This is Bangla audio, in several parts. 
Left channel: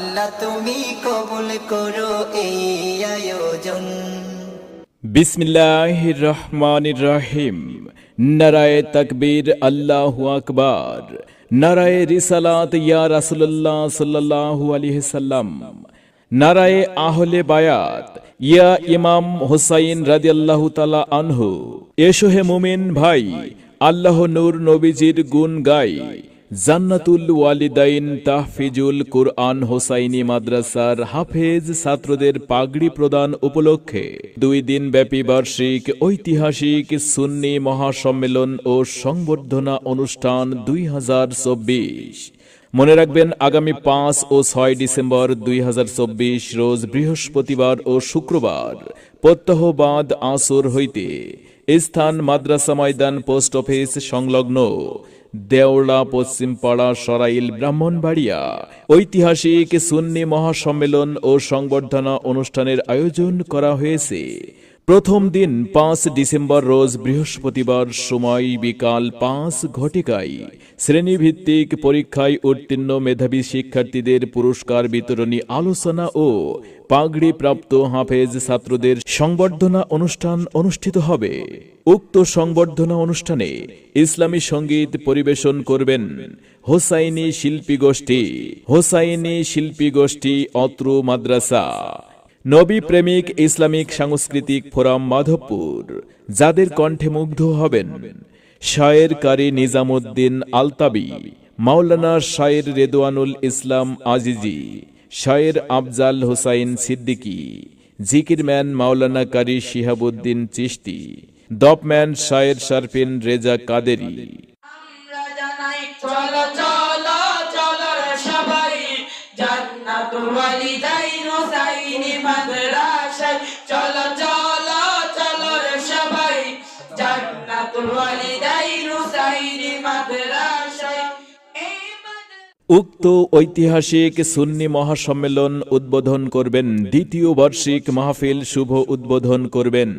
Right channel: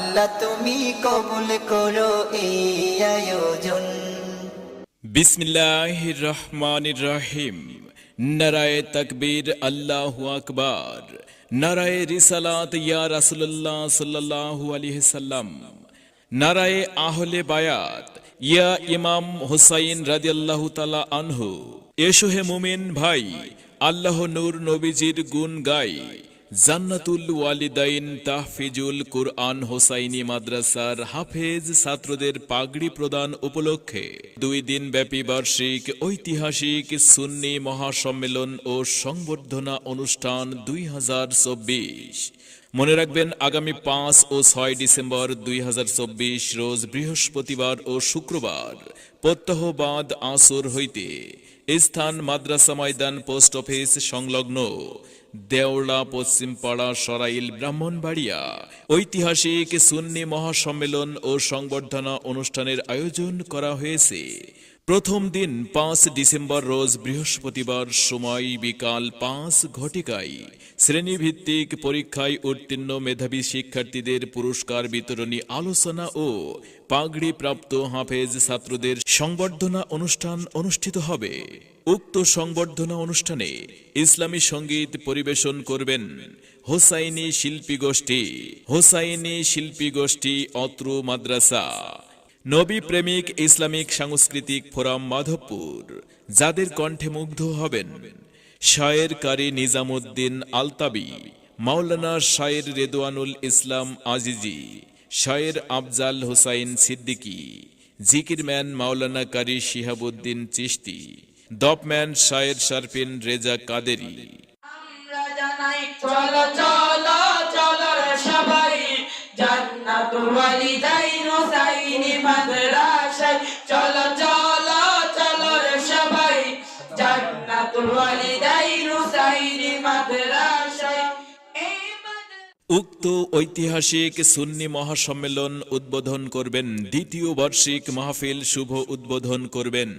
আল্লাহ তুমি কবুল করো এই আয়োজন। বিসমিল্লাহির রহমানির রহিম। নারায়ে তাকবীর, আল্লাহু আকবার। নারায়ে রিসালাত, ইয়া রাসূলুল্লাহ সাল্লাল্লাহু আলাইহি সাল্লাম। নারায়ে আহলে বায়াত, ইয়া ইমাম হুসাইন রাদিয়াল্লাহু তাআলা আনহু। এসো হে মুমিন ভাই, আল্লাহ নূর নবীজির গুণ গাই। জান্নাতুল ওয়ালিদাইন তাহফিজুল কুরআন হোসাইনি মাদ্রাসার হাফেজ ছাত্রদের পাগড়ি প্রদান উপলক্ষে 2 দিন ব্যাপী বার্ষিক ঐতিহাসিক সুন্নি মহাসম্মেলন ও সংবর্ধনা অনুষ্ঠান 2024। মনে রাখবেন, আগামী 5 ও 6 ডিসেম্বর 2024 রোজ বৃহস্পতিবার ও শুক্রবার প্রত্যহবাদ আসর হইতে স্থান মাদ্রাসা ময়দান, পোস্ট অফিস সংলগ্ন, দেওড়া, পশ্চিমপাড়া, সরাইল, ব্রাহ্মণবাড়িয়া। ঐতিহাসিক সুন্নি মহাসম্মেলন ও সংবর্ধনা অনুষ্ঠানের আয়োজন করা হয়েছে। প্রথম দিন 5 ডিসেম্বর রোজ বৃহস্পতিবার, সময় বিকাল 5 ঘটিকায় শ্রেণীভিত্তিক পরীক্ষায় উত্তীর্ণ মেধাবী শিক্ষার্থীদের পুরস্কার বিতরণী আলোচনা ও পাগড়ি প্রাপ্ত হাফেজ ছাত্রদের সংবর্ধনা অনুষ্ঠান অনুষ্ঠিত হবে। উক্ত সংবর্ধনা অনুষ্ঠানে ইসলামী সঙ্গীত পরিবেশন করবেন হোসাইনি শিল্পী গোষ্ঠী অত্র মাদ্রাসা। নবী প্রেমিক ইসলামিক সাংস্কৃতিক ফোরাম মাধবপুর, যাদের কণ্ঠে মুগ্ধ হবেন শায়ের কারি নিজামুদ্দিন আলতাবি, মাওলানা শায়ের রেদওয়ানুল ইসলাম আজিজি, শায়ের আফজাল হোসাইন সিদ্দিকী, জিকিরম্যান মাওলানা কারি শিহাবুদ্দিন চিশতি, দপম্যান শায়ের শারফিন রেজা কাদেরি। আমরা জানাই চলো চলো চলো রে সবাই, জান্নাতুল ওয়ালিদাইন হোসাইনি মাদ্রাসায়। চলো চলো চলো রে সবাই, জান্নাতুল ওয়ালিদাইন হোসাইনি মাদ্রাসায়। উক্ত ঐতিহাসিক সুন্নি মহাসম্মেলন উদ্বোধন করবেন, দ্বিতীয় বার্ষিক মাহফিল শুভ উদ্বোধন করবেন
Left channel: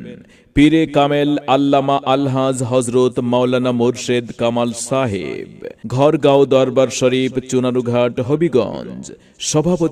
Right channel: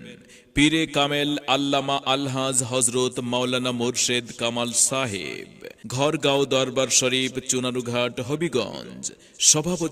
পীরে কামেল আল্লামা আলহাজ হজরত মাওলানা মুর্শেদ কামাল সাহেব, ঘরগাঁও দরবার শরীফ, চুনারুঘাট, হবিগঞ্জ। সভাপতি